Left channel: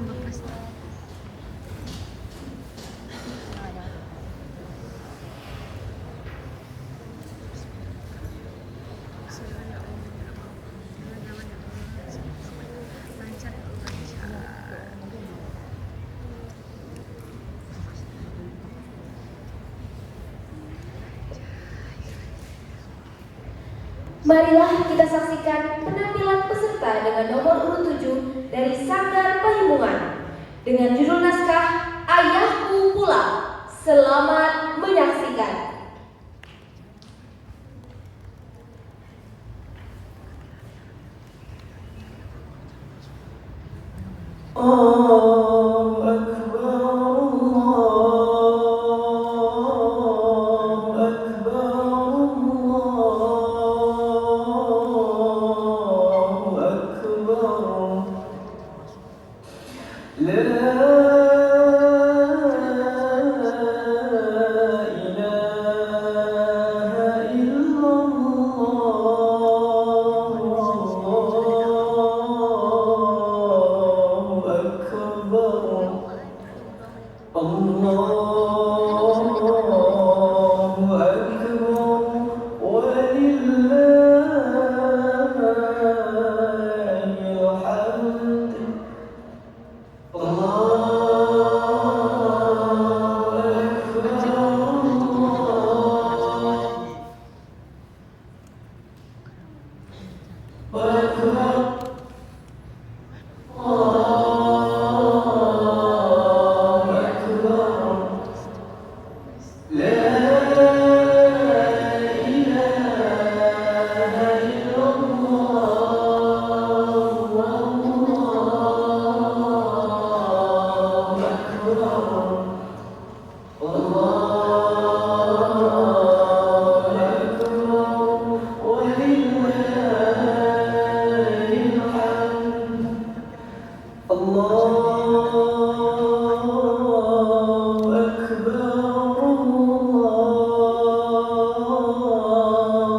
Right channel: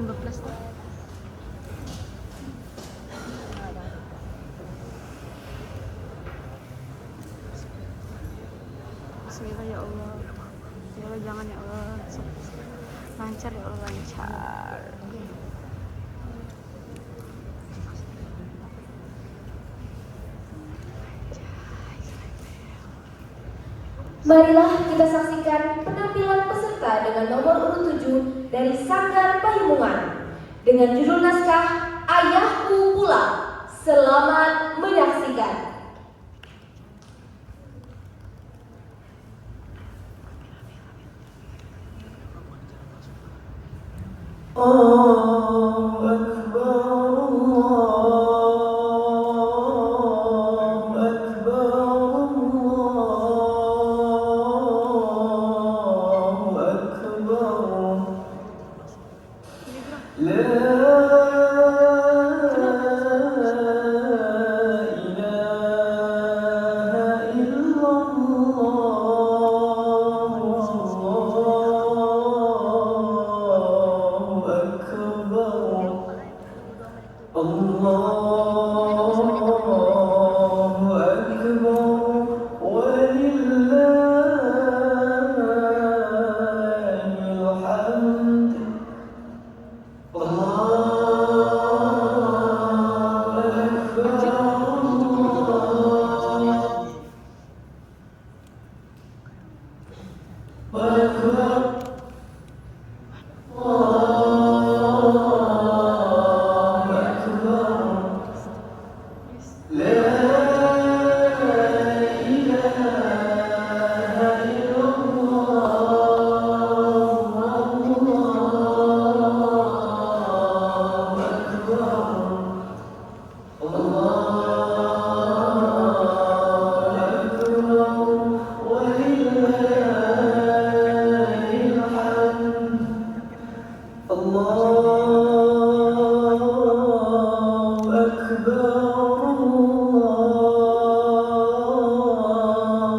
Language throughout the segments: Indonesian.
jangan berprestasi. Bismillah ya Allah, jangan ya Allah, lancar ya Allah, lancar. Marilah kita saksikan penampilan peserta dengan nomor urut 7 dari Sanggar Pahimungan dengan judul naskah Ayahku Pulang. Selamat menyaksikan. Allahu Akbar, Allahu Akbar, Allahu Akbar. La ilaha illallah, Allahu Akbar, Allahu Akbar, walillahil hamd. Allahu Akbar, Allahu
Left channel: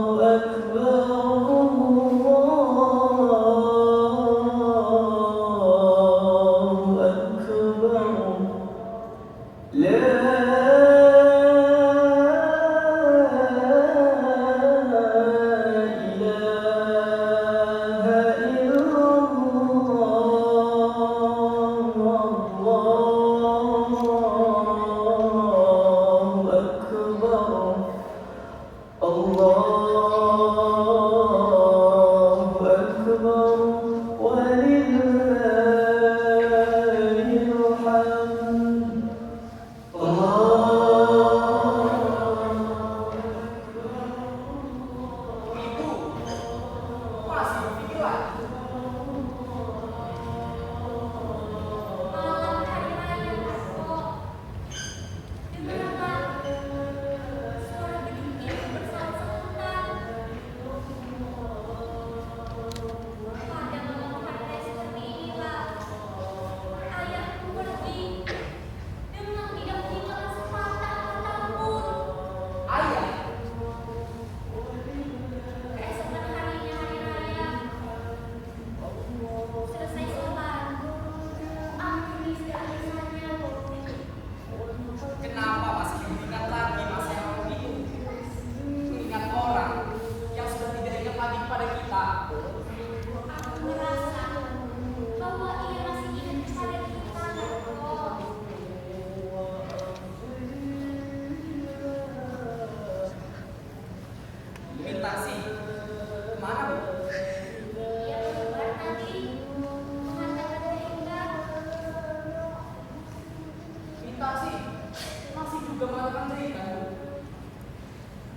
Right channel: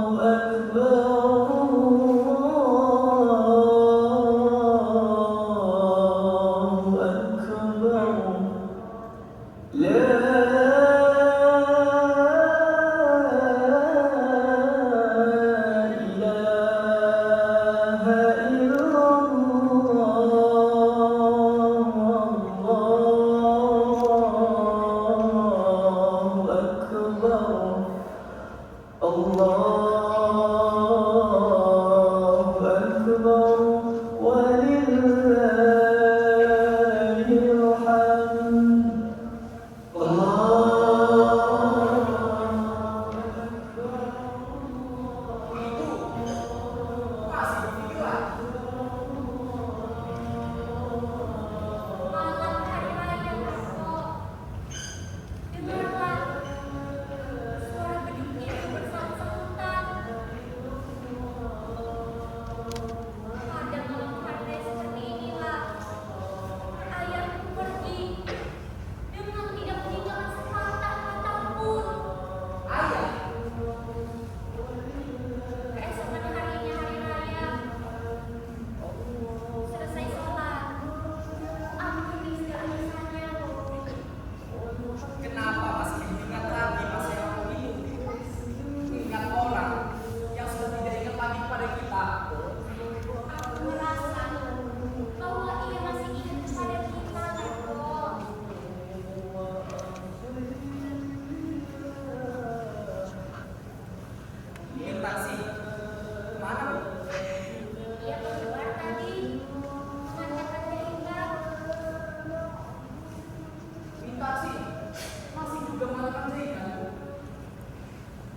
Akbar.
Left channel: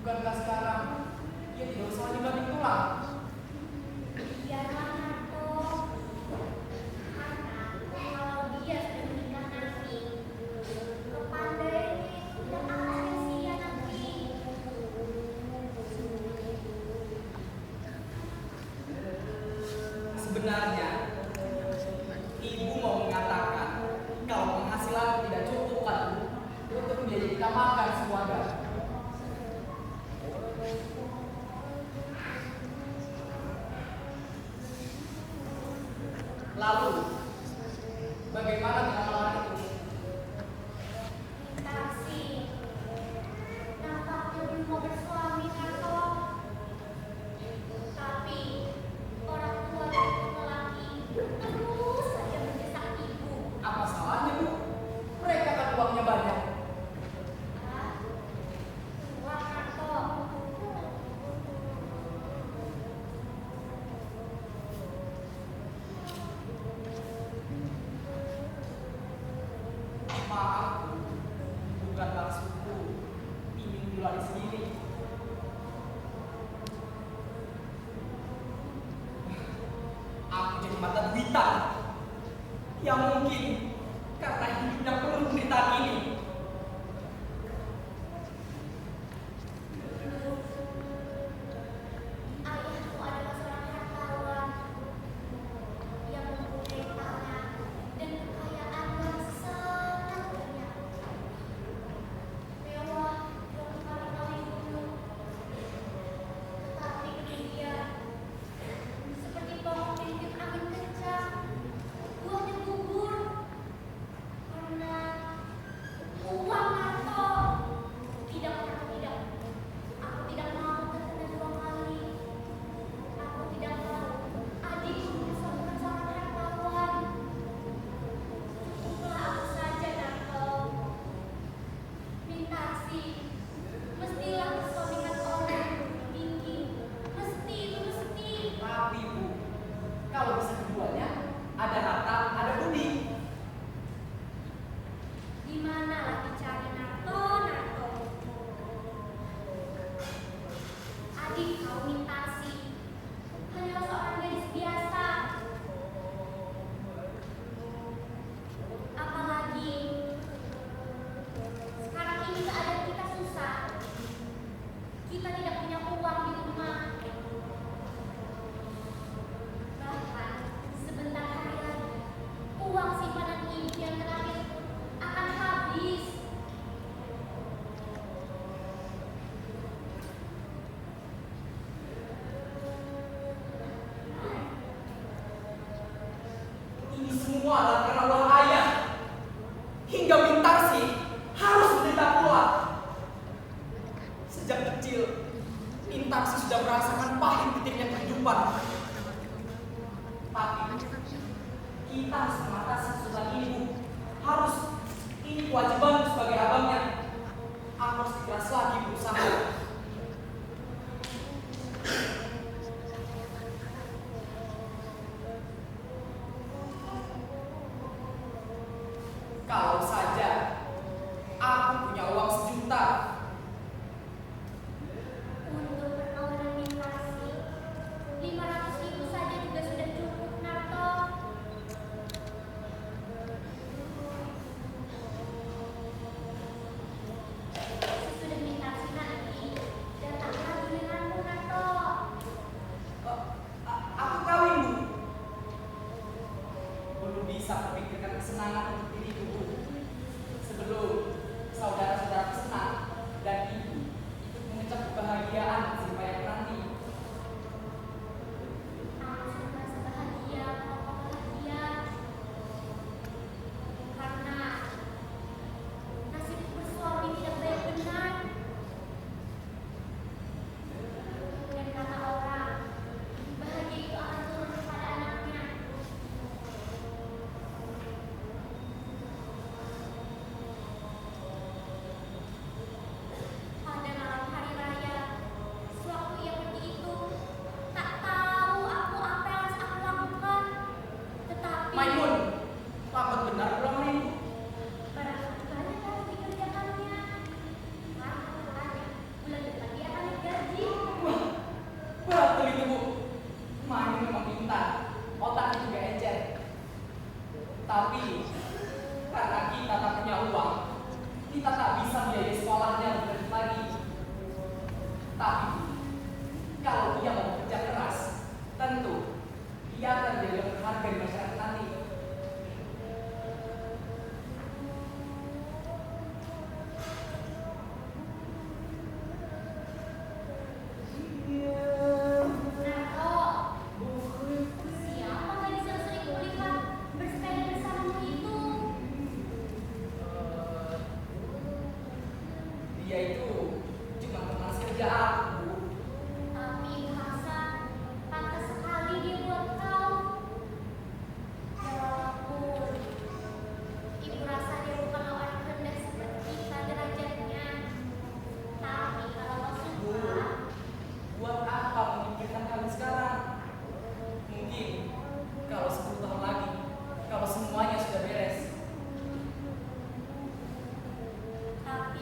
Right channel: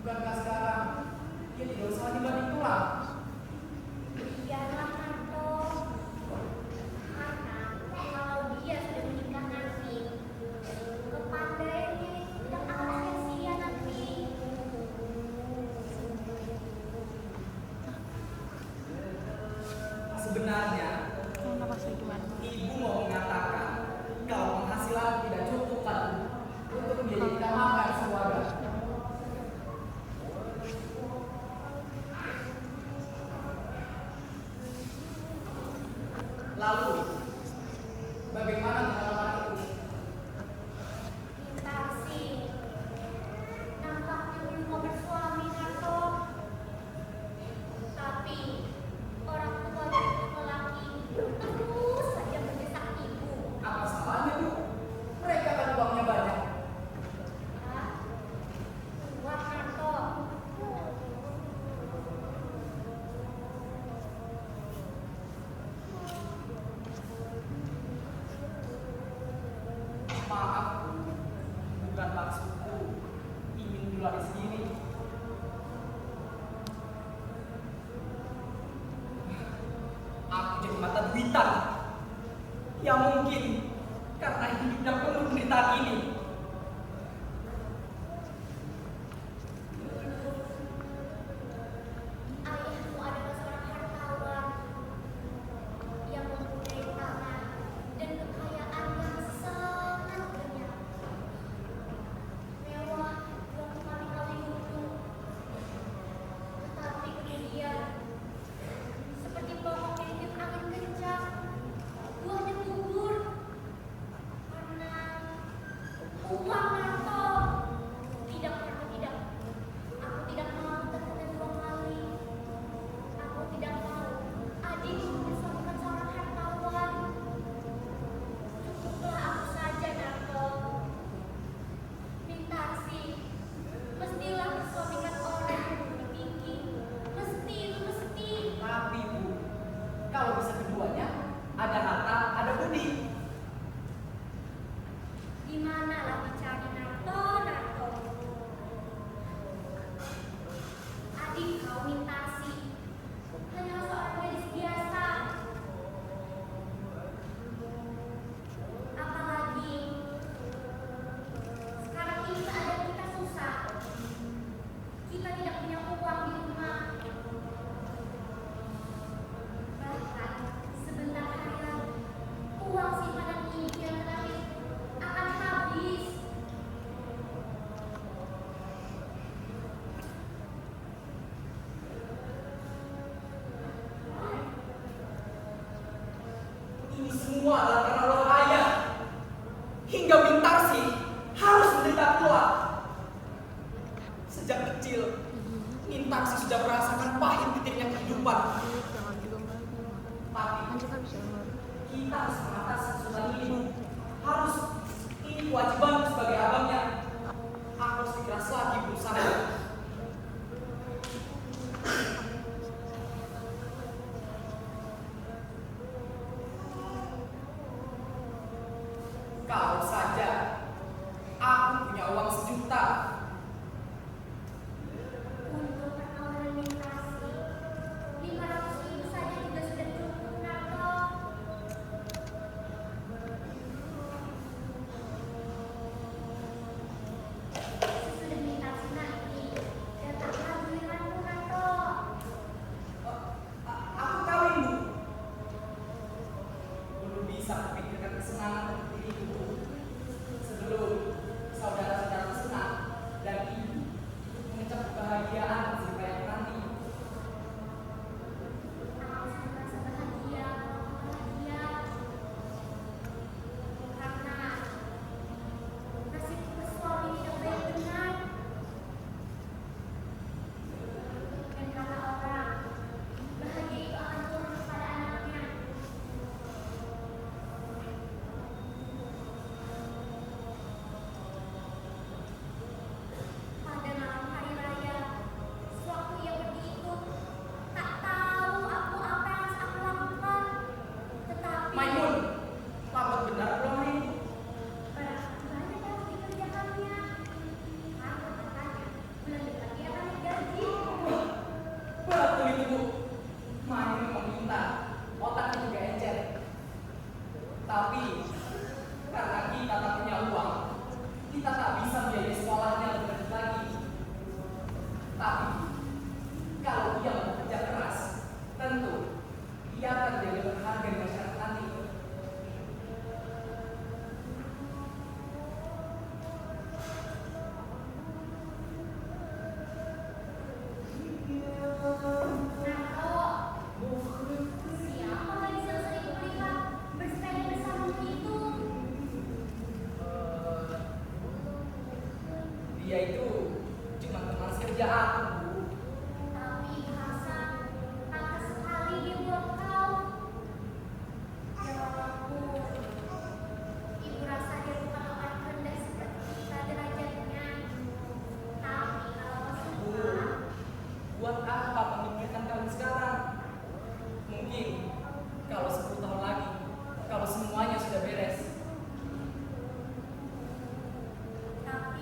Bukankah sekarang dia tidak usah lagi banting tulang? Biarlah Nato, karena kalau dia sudah menikah nanti, kepandaiannya tidak akan sia-sia nanti. Sebenarnya ibu mau mengatakan kalau penghasilan tidak cukup kan untuk menjadikan makan sekeluarga. Lalu, bagaimana bukan maksudku ingin duluan sendiri. Aku jadi mata duitan. Ya mungkin karena hidupnya penuh penderitaan ini. Ayahmu adalah seorang hartawan yang mempunyai tanah dan kekayaan yang sangat banyak. Mewah waktu kami kawin dulu. Tetapi kemudian, seperti pohon yang ditiup angin kencang, buahnya gugur karena uang nato. Tidak, tidak. Aku tidak mau terkena dua kali. Aku tidak mau adikku disuamikan seorang hartawan. Cukuplah aku saja, Narto. Mintarsi, mestilah bersuamikan orang yang lebih tinggi. Mesti itu mesti. Tapi Bu, kalau bisa keduanya, ada harta, ada budi. Di manalah dicari Narto, Narto? Adik kau Mintarsi hanyalah seorang gadis biasa. Apalagi sekarang ini keadaan kita susah. Kita tidak punya uang di rumah. Bahkan sebentar hari lagi uang simpanan ibu yang terakhir akan habis. Ini semua adalah karena ulah ayah. Hingga Mintarsi harus menderita pula. Sejak kecil, Mintarsi sudah merasakan pahit petirnya kehidupan. Jangan juga lagi makan. Tapi Lanjut kan bisa makan. kita harus mengatasi kesulitan ini, Bu. Harus. Ini kewajibanku sebagai abangnya. Aku harus ikhlas lagi berusaha. Kalau saja aku punya uang 1 juta, Untuk perkawinan Mintarsi 500.000 saja juga sudah cukup, Narto. Sesudah Mintarsi nanti datanglah giliranmu, Narto. aku kawin, Bu. Belum bisa memikirkan kesenangan untuk diriku, Bu. Sebelum saudara-saudara senang dan ibu ikut mengecap kebahagiaan hasil payah nanti. Aku merasa bahagia kalau kau bahagia. Karena nasibku bersuami tidak baik benar. Dan kata orang, bahagia itu akan turun kepada anaknya. Pada malam hari raya, sewaktu ia pergi itu, tak tahu aku apa yang harus aku lakukan. Tetapi Maimun, lambat benar pulang hari ini. barangkali banyak yang harus dikerjakannya. Karena katanya bulan depan dia akan naik gaji. Wah, betul itu, Bu. Maimun memang pintar, otaknya juga encer. Tapi karena kita tak punya uang, kita tak bisa biaya sekolahnya lebih lanjut lagi. Tapi kalau dia mau bekerja keras, tentu dia akan menjadi orang berharga di masyarakat nanti. Narto, siapa gadis yang sering kulihat bersepeda bersamamu itu? Dia itu cuma teman sekerja aku, Bu. Tapi Ibu Hasan, pantas sekali dia buat kau. Ya walaupun Ibu rasa dia bukan orang rendah seperti kita derajatnya. Tapi kalau kau suka, Buat apa memikirkan kalian sekarang? Mungkin kalau 10 tahun lagi, kalau semuanya sudah beres. tapi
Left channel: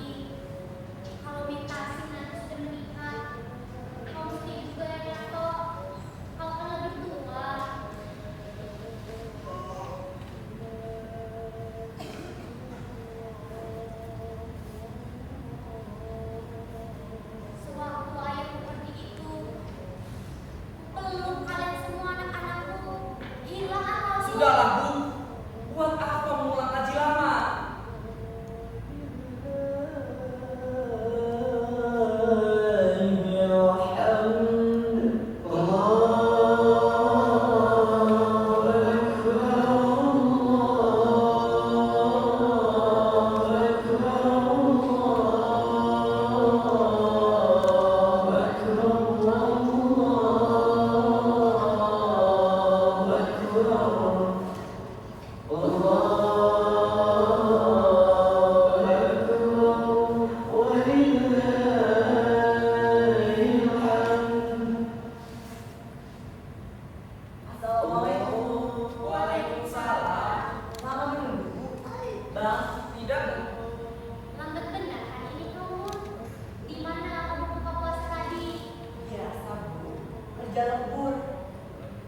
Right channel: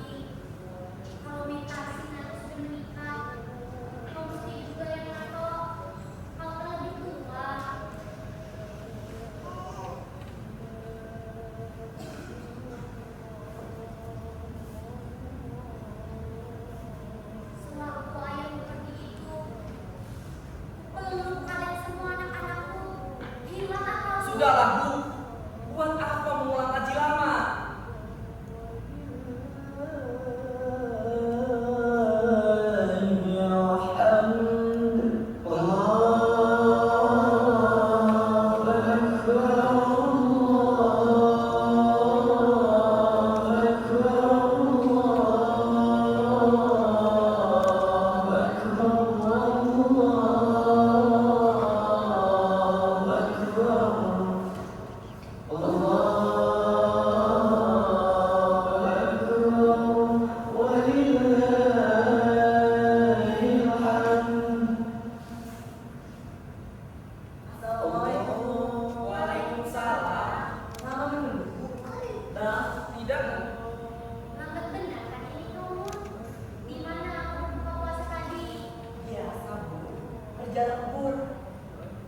sudah lembur.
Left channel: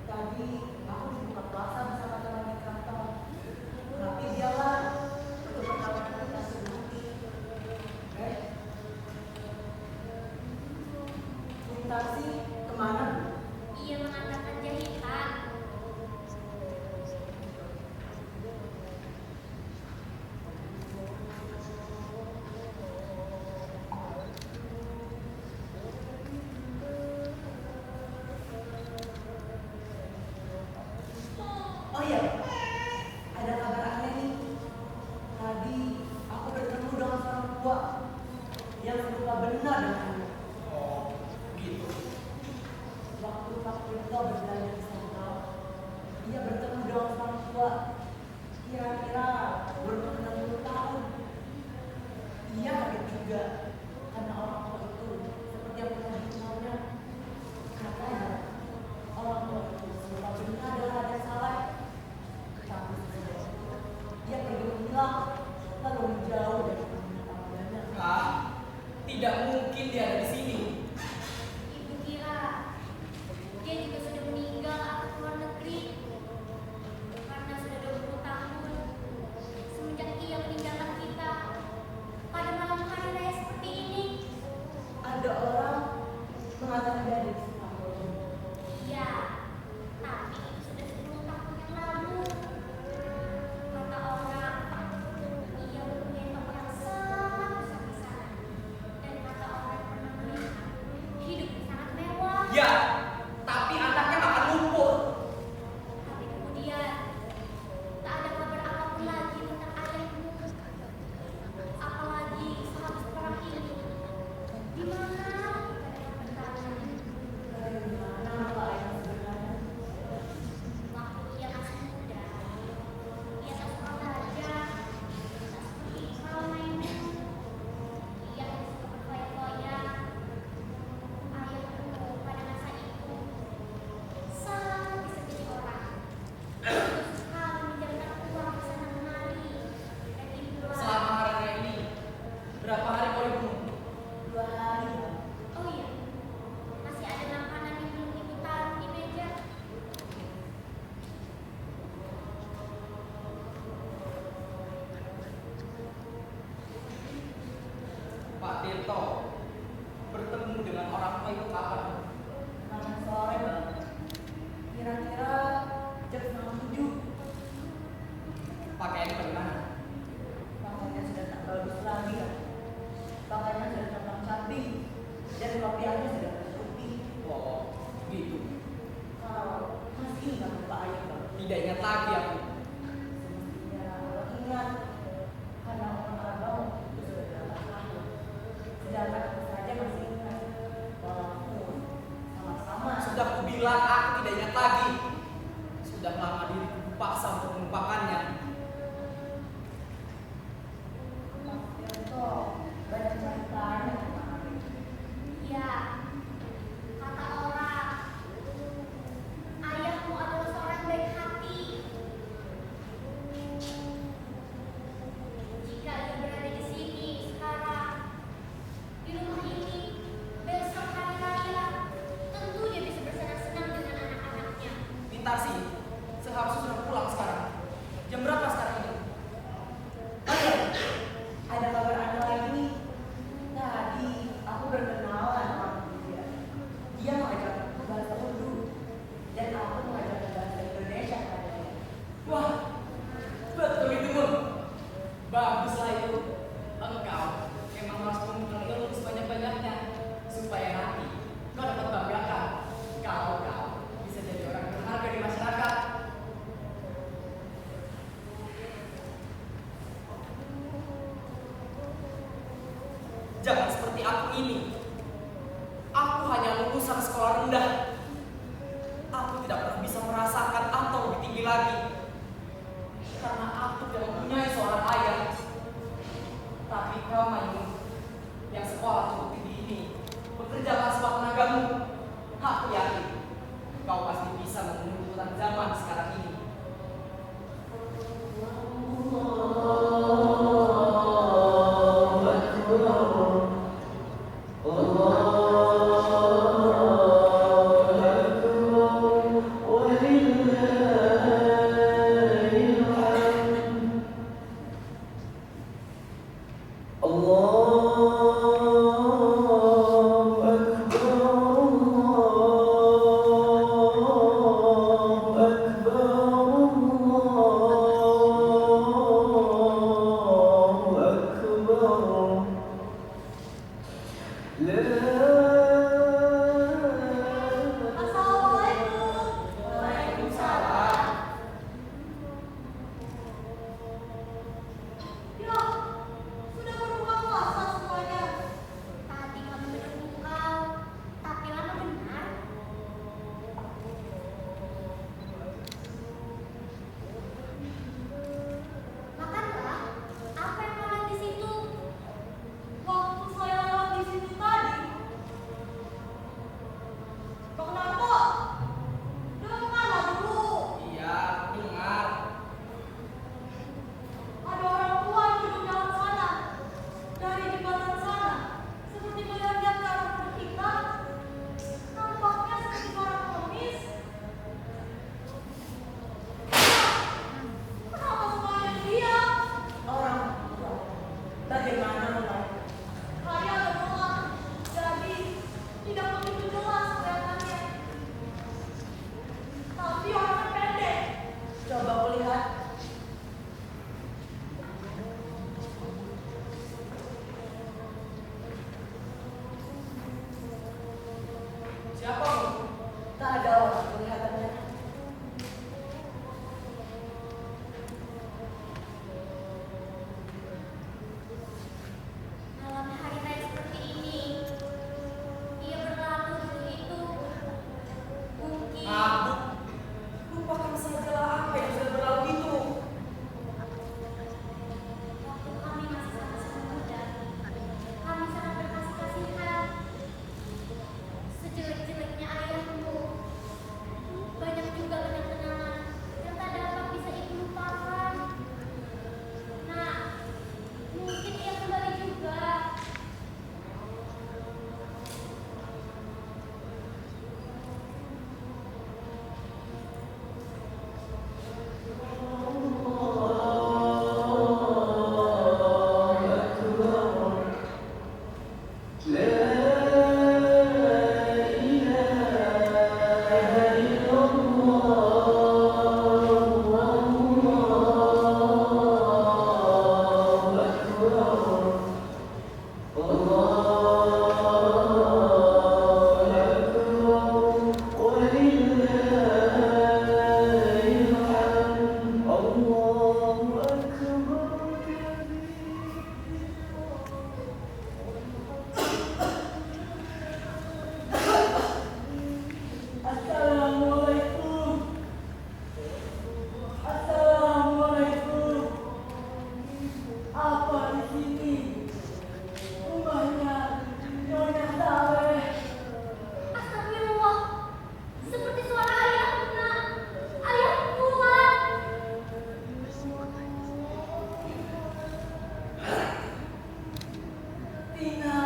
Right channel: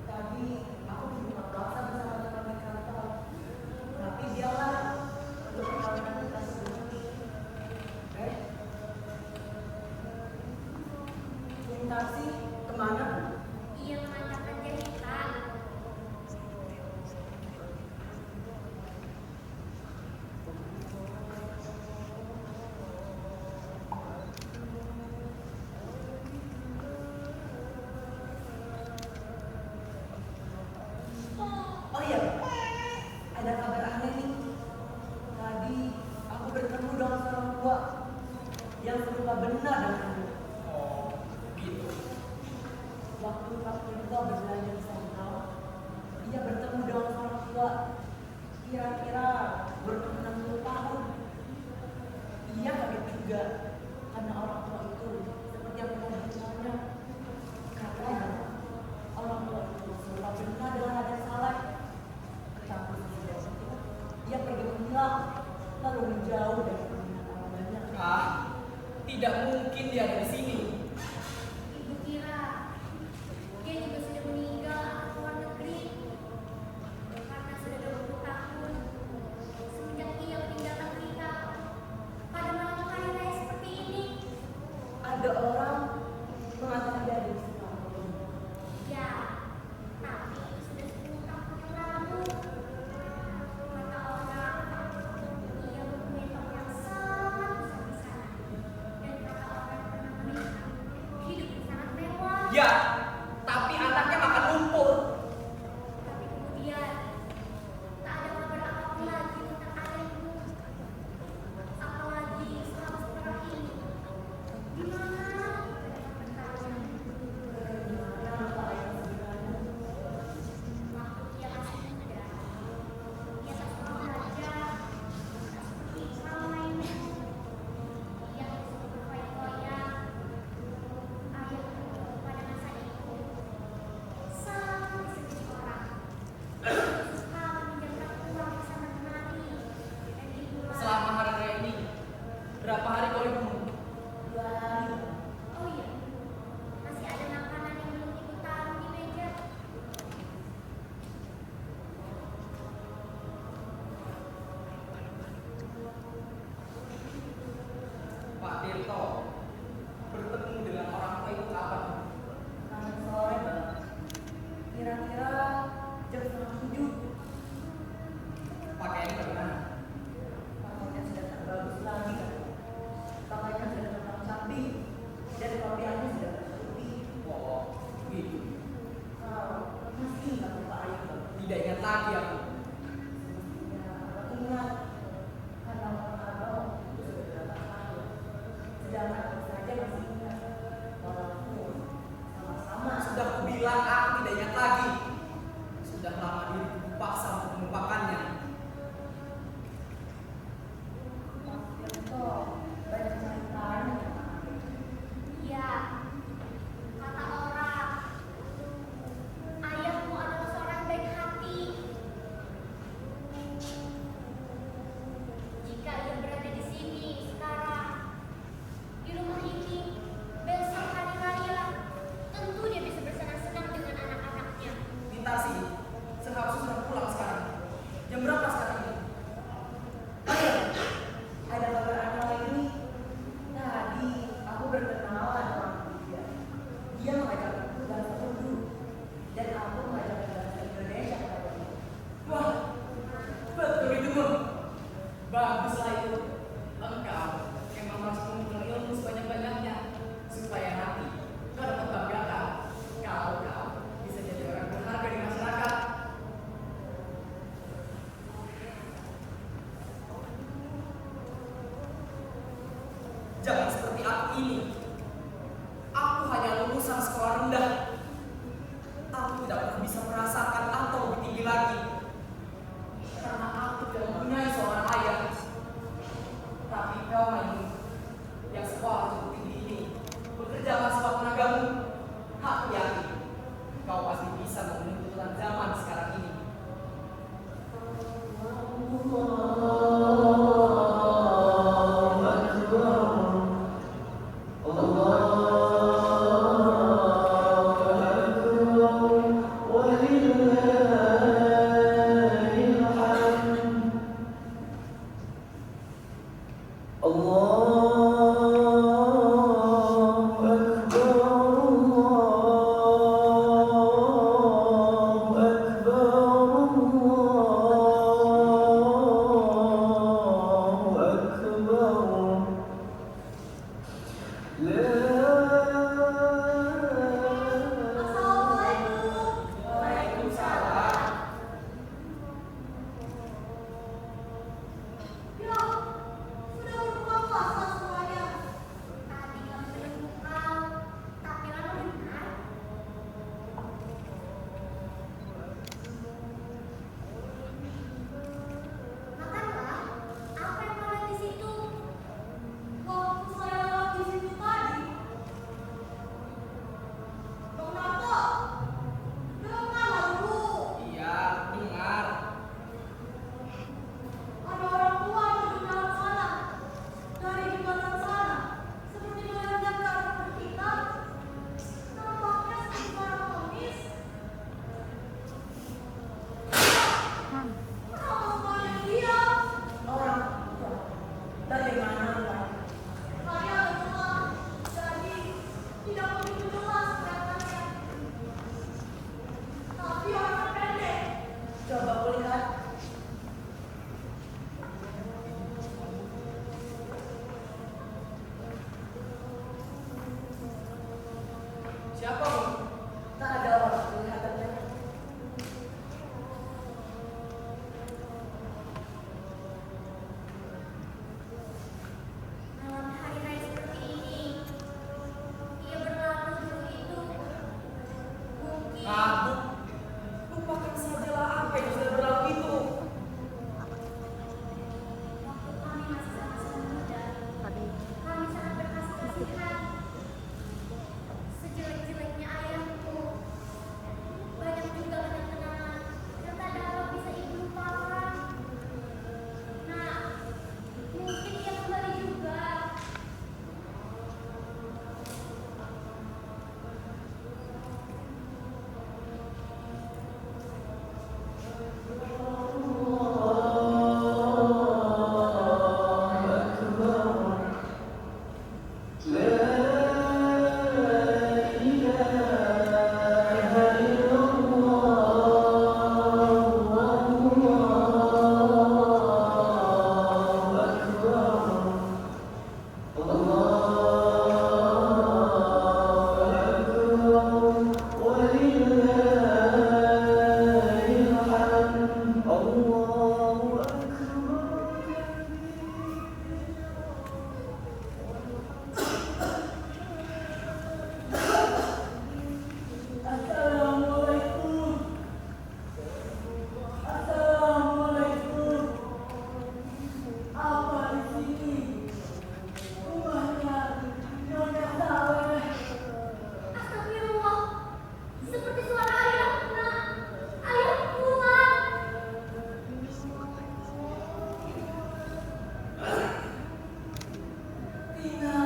Tadi aku dibuka puasa bersama teman di kantor. Tapi dialah untuk perkawinan kita sebelum. Bung Tarsi kemana, Bu? Ia mengatakan jahitan. Oh iya, Pak. Ada kabar aneh nih. Tadi aku bertemu dengan seorang tua yang serupa benar dengan kamu. Oh, gitu. Waktu Pak Tirto berbelanja di sana, dia bertemu dengan seorang tua kira-kira berumur 60 tahun. Ia kaget juga karena orang tua itu seperti yang pernah dikenalnya. Katanya orang tua itu serupa benar dengan Raja Saleh. Tetapi sesudah itu ia pergi menghilang lalu menjauh dari peminat awalnya. Ah, tidak mungkin dia ada di sini. Ibu kira dia juga sudah meninggal atau keluar negeri karena sudah 20 tahun semenjak ia meninggalkan kita pada malam hari raya seperti ini. Ada orang mengatakan dia ada di Singapura. Ya, tapi itu sudah 10 tahun yang lalu. Kata orang, ia mempunyai toko yang sangat besar di sana. Dan kata orang pernah melihat hidupnya sangat mewah. Ya, tapi anaknya makan lumpur. Tapi kemudian tak ada kabar apapun lagi tentang ayahmu. Apalagi sehabis perang ini. Di mana kita dapat bertanya? Bagaimana Pak Ayah sebenarnya? Waktu ia masih muda, ia tak seorang raja, tak seperti kau Maimun. Ia hanya suka berfoya-foya. Ayahku pada masa itu sangat bisa jadi orang. Ia suka meminjamkan uang di sana kemari dan itulah. Selama hari raya ini, berapa hari kau libur? 2 hari. Oh iya, masih ada makanan yang belum ibu taruh di meja. Pak Tirto bertemu dengan orang tua itu kapan? Kemarin sore, Bang. Kira-kira jam 6:30. Pakaiannya bagaimana? Pakaiannya sudah tak bagus lagi, kan? Pakaiannya sudah tampak cabai dan kopiannya sudah bertubi. Oh, gitu. Kau masih ingat Pak Ayah, Bang? Tidak ingat lagi aku. Ya, Abang ingat. Karena orang abang itu sudah berapa tahun. Sedangkan aku saja masih ingat. Walaupun sama-sama. Sudah kubilang aku tidak ingat lagi. Sudah lama diriku dipaksa untuk melupakannya. Pak Tirto banyak ceritanya tentang Ayah. Ya, kata orang, ayahmu adalah seorang baik hati. Jika ia berada di sini sekarang, di rumah ini, besok hari raya, tentu dia bisa bersenang-senang dengan anak-anaknya. Pintar sih, seharusnya sudah pulang sekarang. Jam berapa sekarang ini? Oh iya, ada kabar aneh lagi nih. Tadi aku berkenalan sama dia. Dia mengajarkan aku bahasa Urdu dan aku mengajarkan bahasa Indonesia kepada dia. Wah, betul itu, Mun. Baguslah itu. Engkau memang harus mengumpulkan ilmu sebanyak-banyaknya supaya nanti kau dapat banggakan kalau kau bisa jadi orang berharga di masyarakat. Jangan seperti aku ini. Aku hanya lulusan sekolah rendah. Aku tidak pernah bisa merasakan atau lebih tinggi lagi. Karena aku tidak mempunyai seorang ayah. Tapi kau, Maimun, yang sekolah cukup tinggi ini, bekerja keras waktu tenagamu. Aku yakin kau pasti bisa memenuhi tuntutan zaman sekarang ini. Allahu Akbar. Tadi kami menunggu kau, tapi lama benar. Makanlah, apa yang kau lihat di situ? Waktu saya lewat di situ tadi, Bang Narto, dengarlah dulu. Iya, dengar. Ada orang tua yang duduk dalam sana, dari jembatan sana, seperti melihat-lihat ke arah kita. Nampaknya seperti orang pengemis. Kenapa semuanya diam? Orang tua. Bagaimana mulai? Hari agak gelap, jadi tidak begitu jelas kelihatannya. Tapi orangnya pendek. Coba kulihat. Siapa, Bu? Tak ada orang kelihatannya. Malam hari raya seperti ini, ia berlalu dulu itu. Mungkin Bu, lupakan sajalah apa yang sudah berlalu itu. waktu kami masih sama-sama muda, kami sangat berkasih-kasihan. Sejelek-jeleknya ayahmu, banyak juga kenang-kenangan yang tak dapat bisa ibu lupakan. Nah, mungkin ia kembali juga. Assalamualaikum. Assalamualaikum. Apa di sini? Rumahnya Nyonya Saleh. Astagfirullah, seperti suara ayah, nak. Ayah pulang. Tina.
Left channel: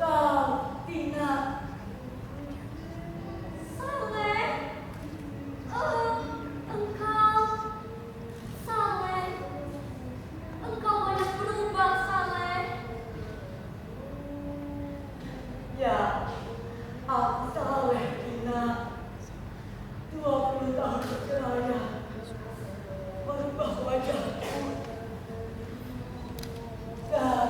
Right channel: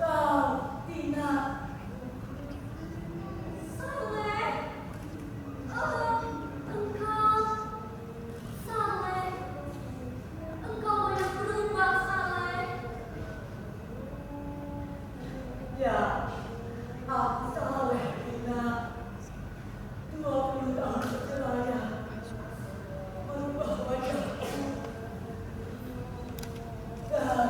Kau, Tina. Saleh, engkau, Saleh, engkau banyak berubah, Saleh. Ya, aku Saleh, Tina. 20 tahun berkelaya. Merubah wajahku. Dan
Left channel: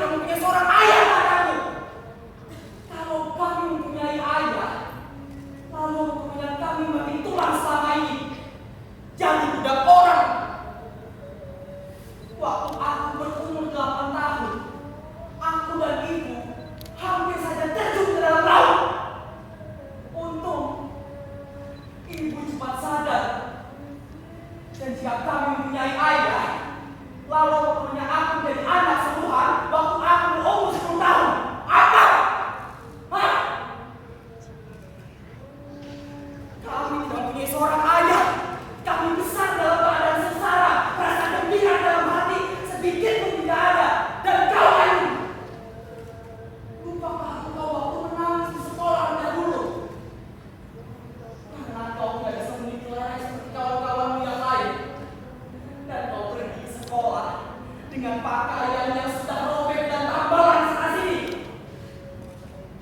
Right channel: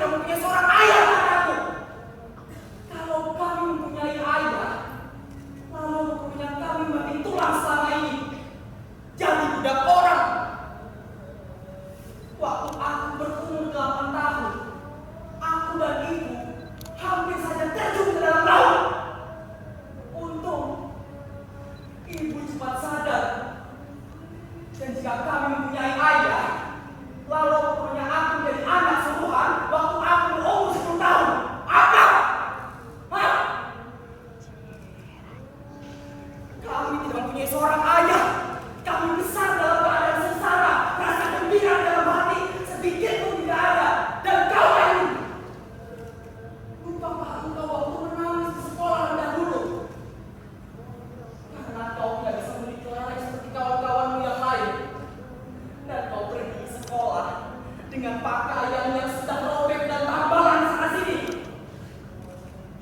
tidak mempunyai seorang ayah padaku. Kalau kami mempunyai ayah, lalu kemudian kami makin tulang selama ini jadi budak orang. Waktu aku berumur 8 tahun, aku dan ibu hampir saja terjun ke dalam laut. Untung ibu cepat sadar. Dan jika kami mempunyai ayah, lalu kemudian aku menjadi anak suruhan waktu aku berumur 10 tahun. Apa? Hah? Kami tidak mempunyai seorang ayah. Kami besar dalam keadaan sengsara, rasa gembira dalam hati sedikit pun tidak ada. Dan kau ini, lupakah engkau waktu menangis di sekolah rendah dulu? Karena kau tidak bisa menilai seperti kawan-kawanmu yang lain. Dan kau pergi ke sekolah dengan pakaian yang sudah robek dan tambalan sana sini.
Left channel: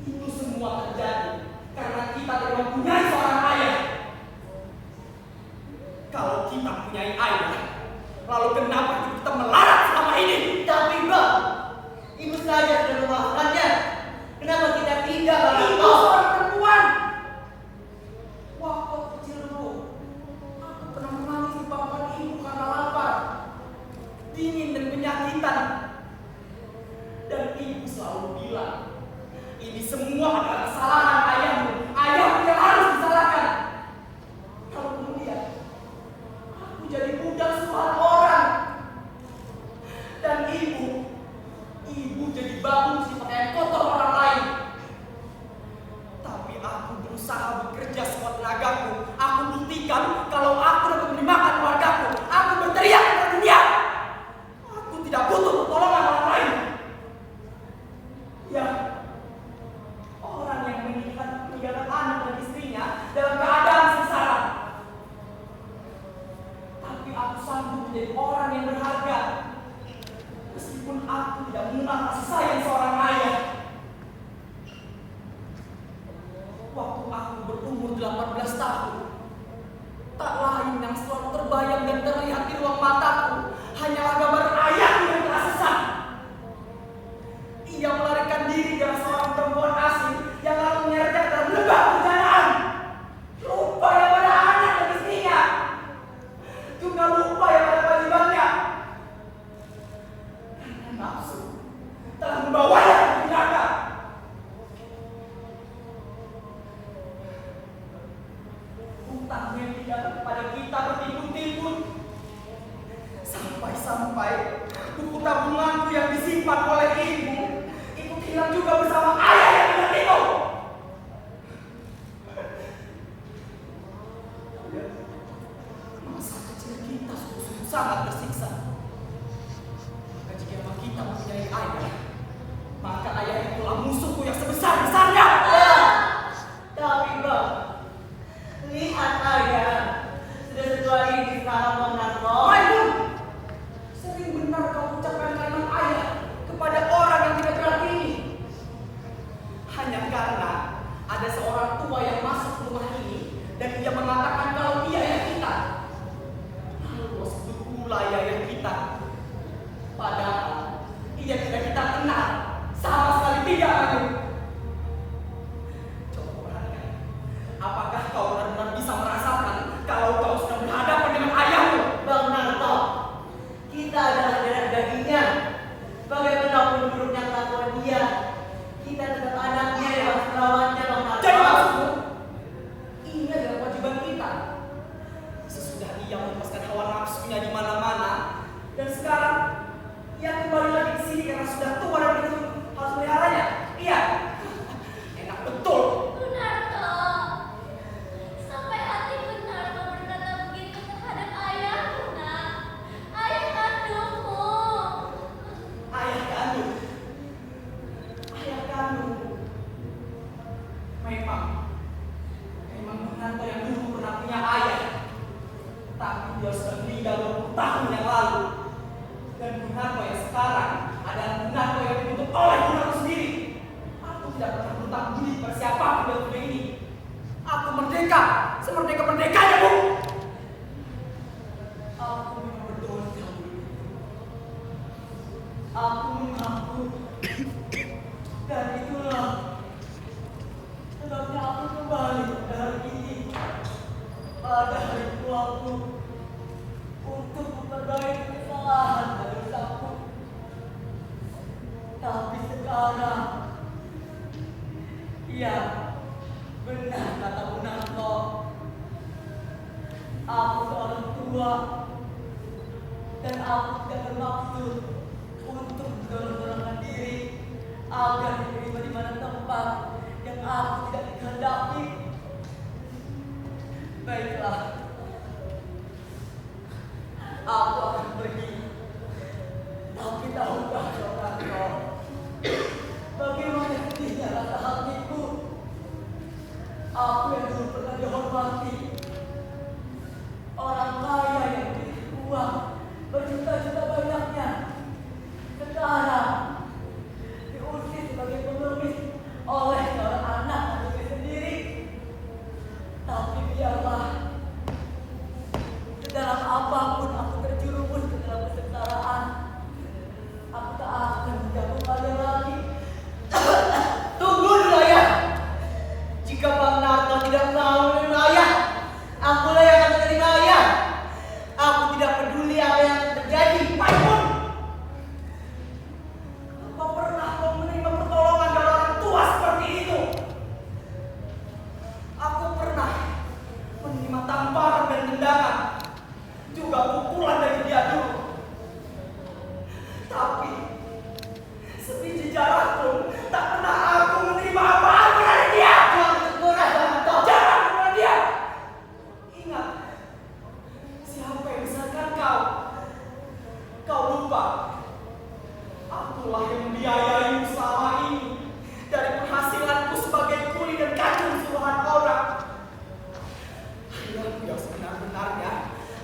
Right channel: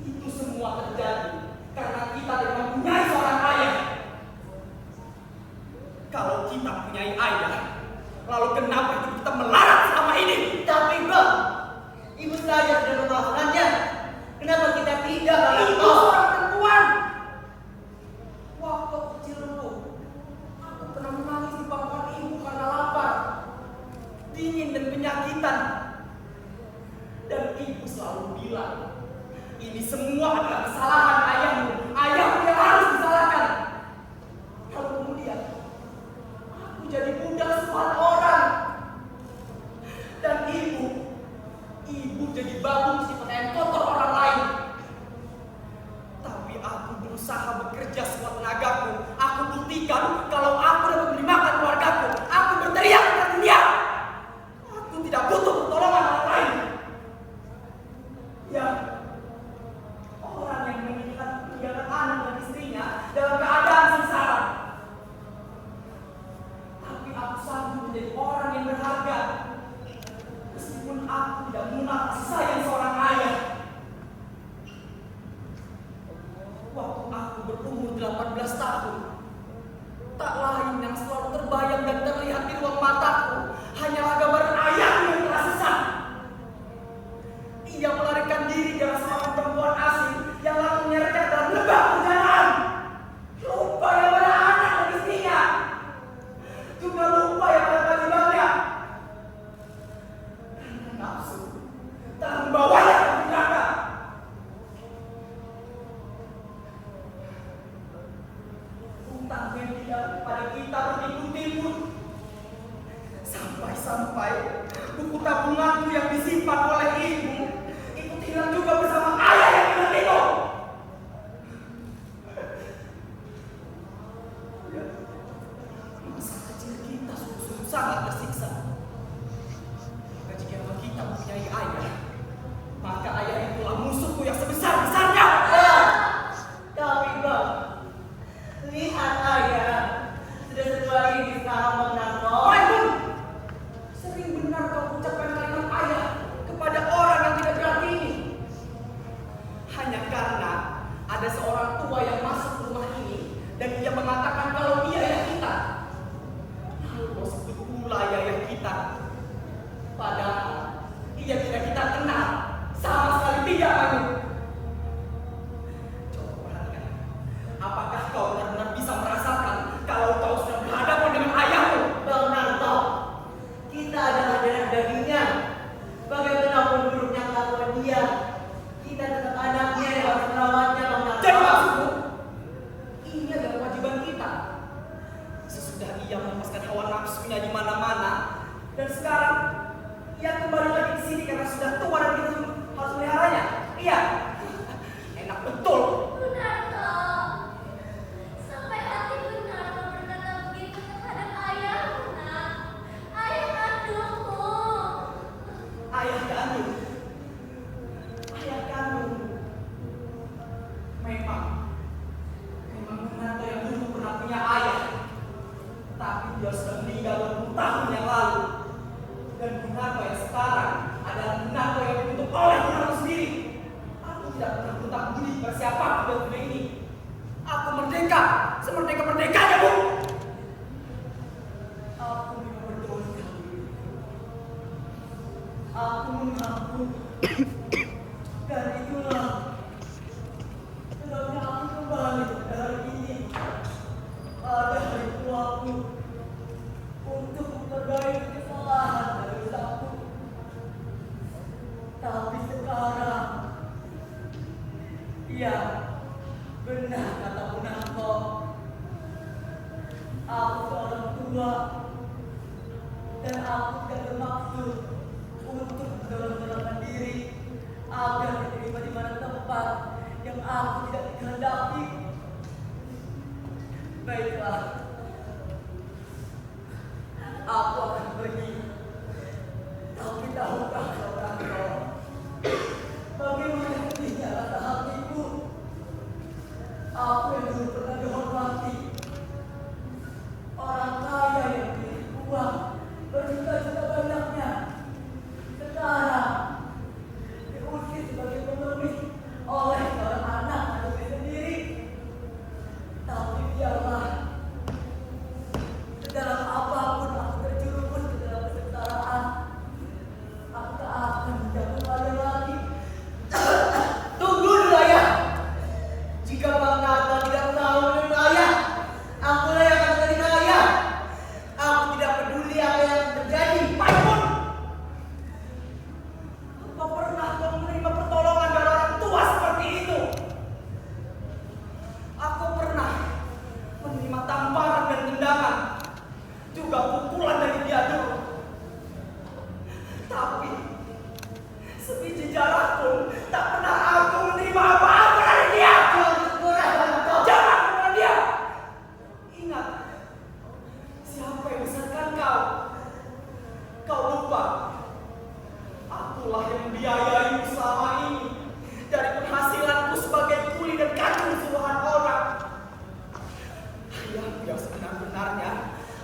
Itu semua terjadi karena kita tidak mempunyai seorang ayah. Kalau kita mempunyai ayah, lalu kenapa kita melarat selama ini? Tapi Bang, ibu saja sudah memaafkannya. Kenapa kita tidak, Bang Itu Narto? seorang perempuan. Waktu kecil dulu, aku pernah menangis di pangkuan ibu karena lapar, dingin dan penyakitan. Dan ibu selalu bilang, ini semua adalah kesalahan ayahmu. Ayahmu yang harus disalahkan. Kalau kemudian aku jadi budak suruhan orang, dan ibu jadi babung si pakaian kotor orang lain. Tapi aku berusaha bekerja sekuat tenagaku. Aku buktikan kalau aku dapat mendimakan keluargaku. Aku berteriak ke dunia. Aku tidak butuh pertolongan orang lain. Ya, orang yang meninggalkan anak dan istrinya dalam keadaan sengsara. Tapi aku sanggup menjadi orang yang berharga. Meskipun aku tidak mengenal kasih sayang seorang ayah. Waktu aku berumur 18 tahun, tak lain yang selalu terbayang dan terlihat di ruang mataku hanyalah gambar ayahku yang telah sesat. Ia melarikan diri dari seorang perempuan asing yang lalu menyeret dalam lembah penjaraan. Lupa yang pada anak dan istrinya, juga lupa yang pada kewajibannya. Karena nafsu telah membawanya ke neraka. Hutang yang tidak kepada kita bertimbun-timbun. Sampai-sampai buku tabunganku yang disimpan oleh ibu ikut hilang juga bersama ayah yang hilang itu. Masa kecil kita sungguh sangat tersiksa. Maka jika memang kita mempunyai ayah, maka ayah itulah musuhku yang sebesar-besarnya. Tapi Bang, lihat ayah sudah setua ini sama Bang Narto. Maimun, sering benar kau ucapkan kalimat ayah kepada orang yang tidak berarti ini. Hanya karena ada seorang tua yang masuk ke rumah ini dan ia mengatakan kalau dia ayah kita. Lalu kau sebut pula ayah kita. Padahal ia tidak kita kenal. Sama sekali tidak, Maimun. Coba perhatikan. Apakah kau benar-benar bisa merasakan kalau kau sedang berhadapan dengan ayahmu? Bang Narto, kita adalah darah dagingnya. Bagaimanapun buruknya kelakuan dia, kita tetap anaknya yang harus merawatnya, Bang Narto. Jadi maksudmu, ini adalah kewajiban kita. Sesudah ia melepaskan hawa nafsunya di mana-mana, dan sekarang ia kembali lagi ke sini karena sudah tua dan kita harus meliharanya. Iya, enak betul. Narto, sampai hati Narto berkata begitu terhadap ayahmu, Nak. Ayah kandungmu. Ayah kandung. Ayah kandung. Memang Bung yang dulu pernah punya ayah. Tapi dia sudah meninggal 20 tahun yang lalu. Dan Bung Narto yang sekarang adalah Bung Narto yang dibentuk oleh Bung Narto sendiri. Aku tidak pernah berhutang budi pada siapapun dalam dunia ini. Aku merdeka, semerdeka-merdekanya, Bu. Aku memang berdosa. Aku mengakui aku. Dan itulah sebabnya aku kembali pada hari ini, pada hari tuaku, untuk memperbaiki kesalahan dan dosaku. Tapi sekarang, ya benar kata Punarto, aku seorang tua dan aku tidak bermaksud untuk mendorong-dorongkan diri agar diterima di mana tempat yang aku tidak dikehendaki. Baiklah, aku akan pergi. Tapi tahukah kau, Kanto, bagaimana sedihnya rasa hatiku? Aku yang dulu pernah dihormati, orang kaya yang memiliki uang berjuta-juta banyaknya, sekarang diusir sebagai pengemis oleh seorang anak kandungnya sendiri. Tapi biarlah, sedalam apapun aku terjerumus ke dalam kesengsaraan, aku tak akan menjatuh pada lagi. Tunggu dulu, Ayah. Jika Bang Narto tidak mau menerima Ayah, akulah yang akan menerima Ayah. Aku tidak peduli apa yang terjadi. Baikpun, apa pernah kau menerima pertolongan dari orang tua seperti itu? Aku pernah menerima tamparan dan tendangan, juga pukulan dari dia dulu. Tapi sebiji jarak pun tak pernah aku menerima apa-apa dari dia. Jangan kepada dia. Ingat, siapa yang besarkan kau? Kau lupa, akulah yang membiayai selama ini dari penghasilanku sebagai kuli dan kacung suruhan orang. Ayahmu yang sebenar-benarnya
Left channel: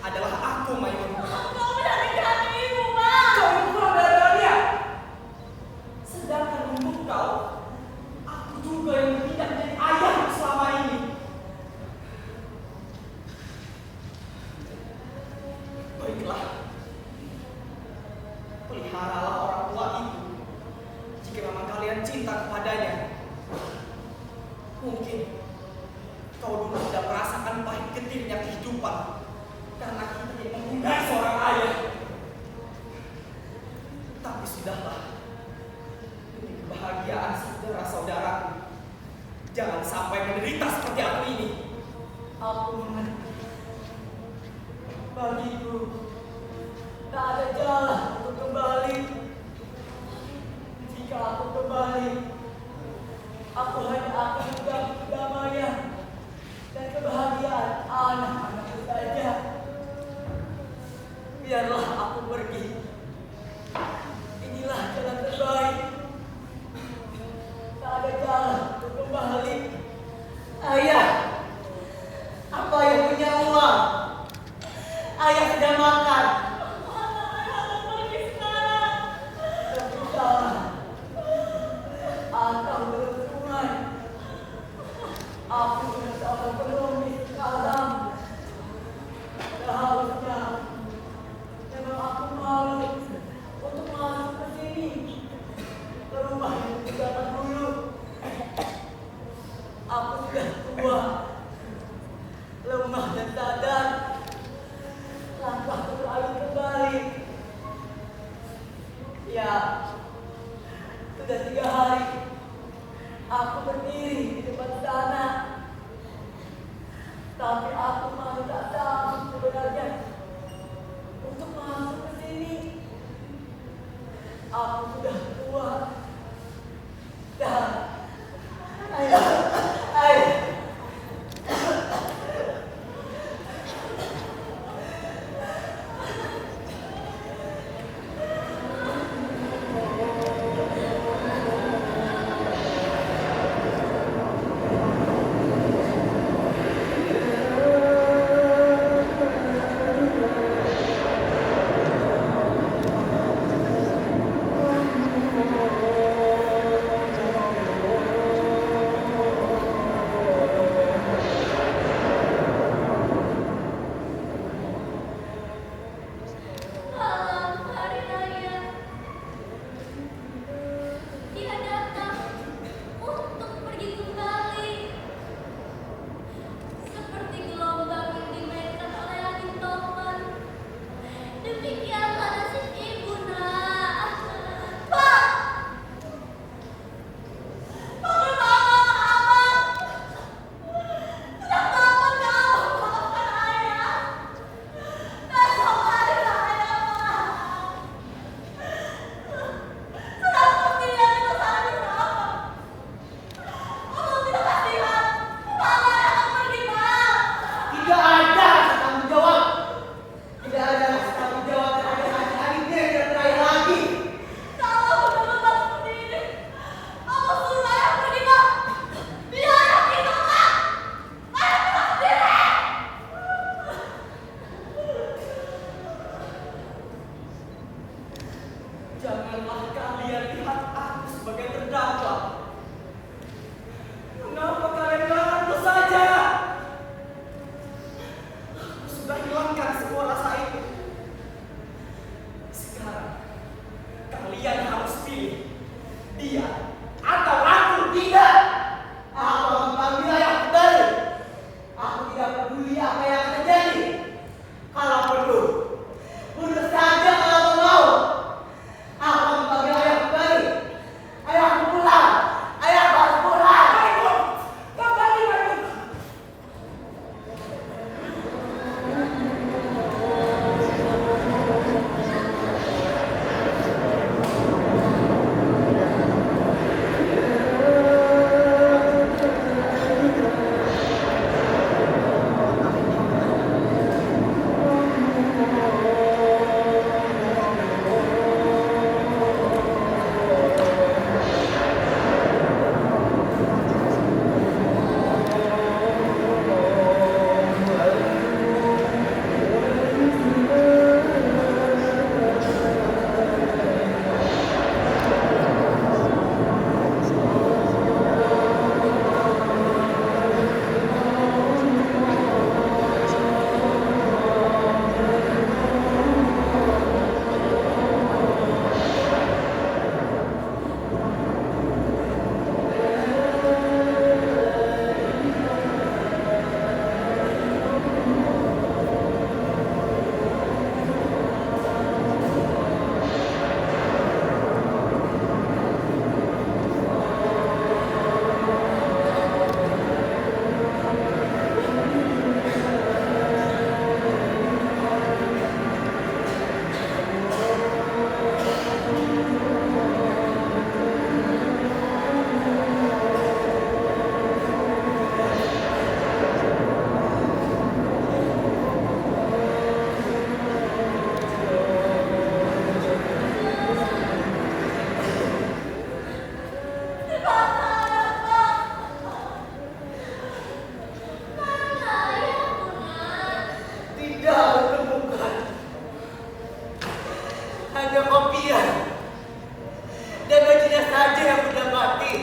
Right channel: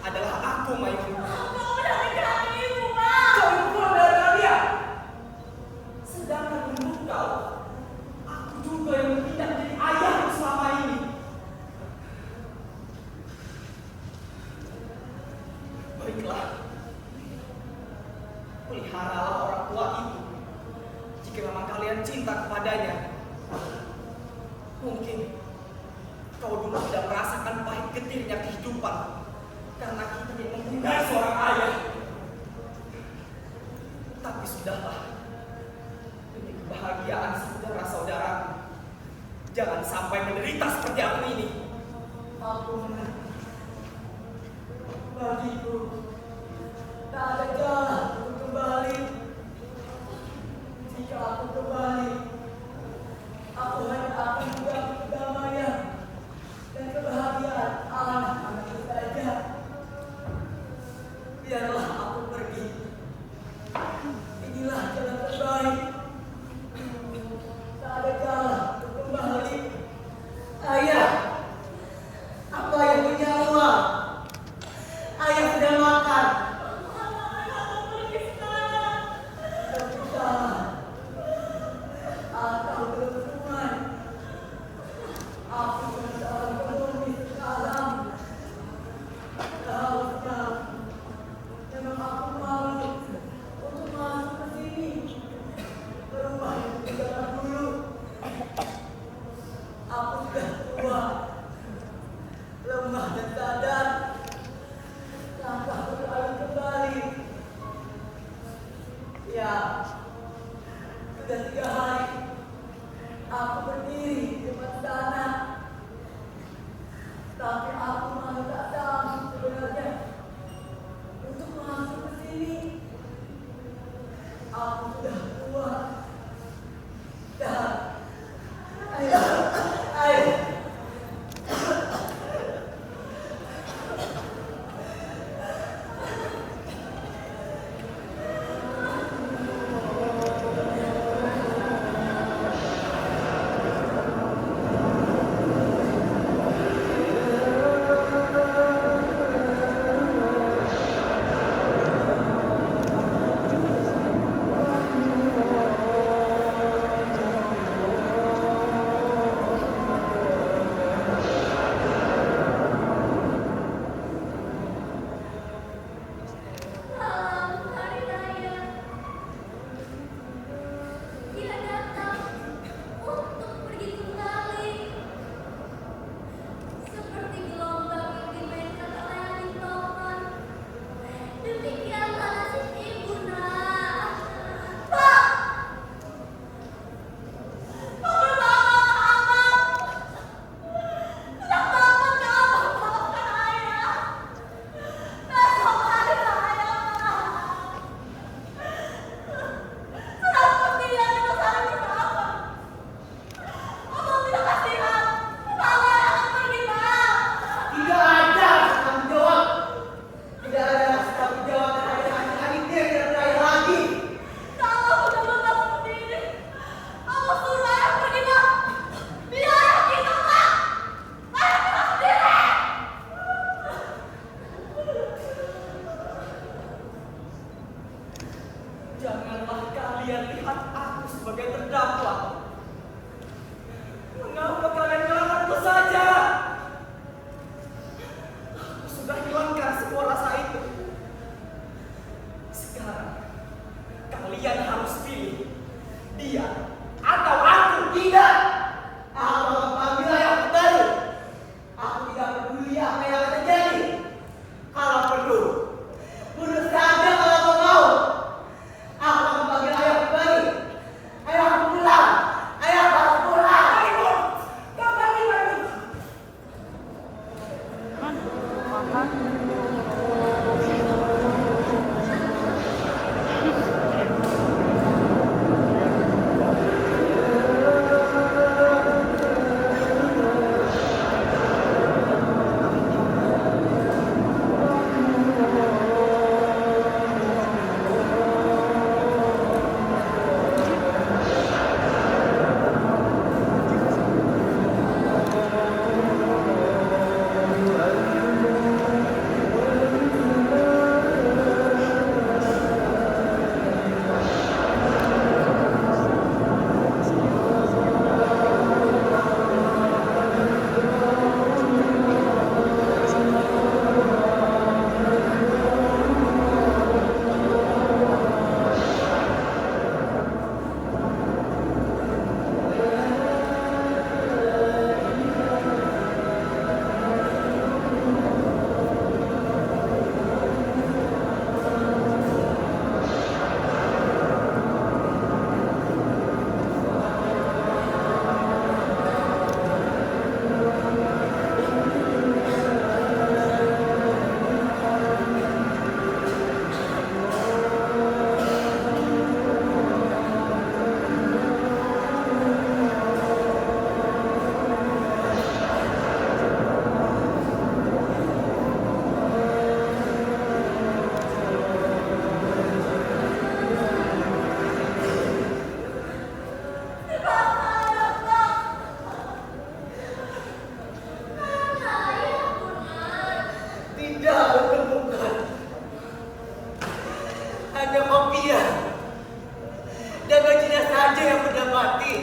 adalah aku, Maimun. Kau melarikan ibu, Pak. Kau itu kurang dari dia. Sedangkan untuk kau, aku juga yang tidak menjadi ayahmu selama ini. Baiklah, peliharalah orang tua itu jika memang kalian cinta kepadanya. Mungkin kau dulu tidak merasakan pahit getirnya kehidupan karena kita tidak mempunyai seorang ayah. Tapi sudahlah, demi kebahagiaan saudara-saudaraku, jangan sampai menderita seperti aku ini. Aku mengerti. Bagiku, tak ada jalan untuk kembali. Jika aku kembali, aku hanya akan mengganggu kedamaian dan kebahagiaan anak-anakku saja. Biarlah aku pergi. Inilah jalan terbaik. Tak ada jalan untuk kembali. Ayah, apa yang punya uang? Ayah sedang makan. Ketika aku berhubungan, aku dengan seorang pengemis sekarang. Seharusnya memang aku malu untuk masuk ke sini, ke rumah yang zaman dulu. Aku sudah tua, lemah dan sadar. Langkah berlalu kembali. Ya, sudah 3 hari aku berdiri di depan sana. Tapi aku masih tak sanggup sebenarnya untuk masuk ke sini. Aku sudah tua dan ayah. aku sebagai terdakwa. Mengapa kalian melawanku saja? Aku sudah hilangkan semua rasa itu. Sekarang kalian harus pilih dia atau aku. Tidak, aku akan mengambil ayah kembali. Aku tidak peduli apa yang akan terjadi. Kalau perlu, bunuh saja kalau kau mau. Aku akan memanggil ayah kembali. Ayahku pulang. Ayahku harus pulang. Ayo, kembali, ayo. Tidak ditemukan. Hanya kopiah dan bajunya saja yang sudah mati.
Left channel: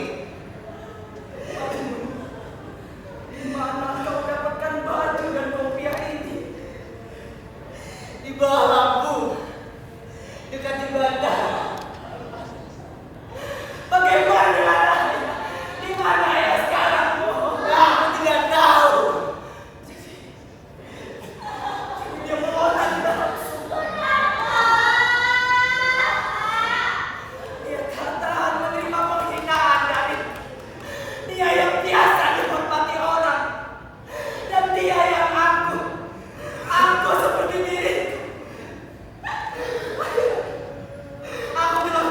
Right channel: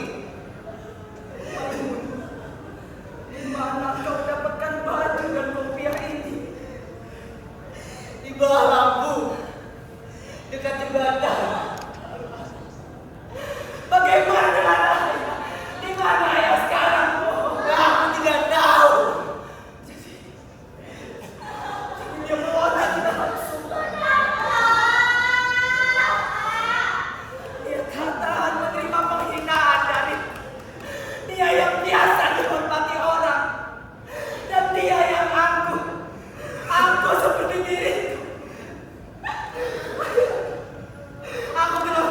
Di mana kau dapatkan baju dan kopiah ini? Di bawah lampu, dekat jembatan. Bagaimana dengan ayah? Di mana ayah sekarang? Aku tidak tahu. Dia meloncat tidak langsung. Dia tak tahan menerima penghinaan dari dia yang biasa dihormati orang, dan dia yang aku seperti diriku. Aku bilang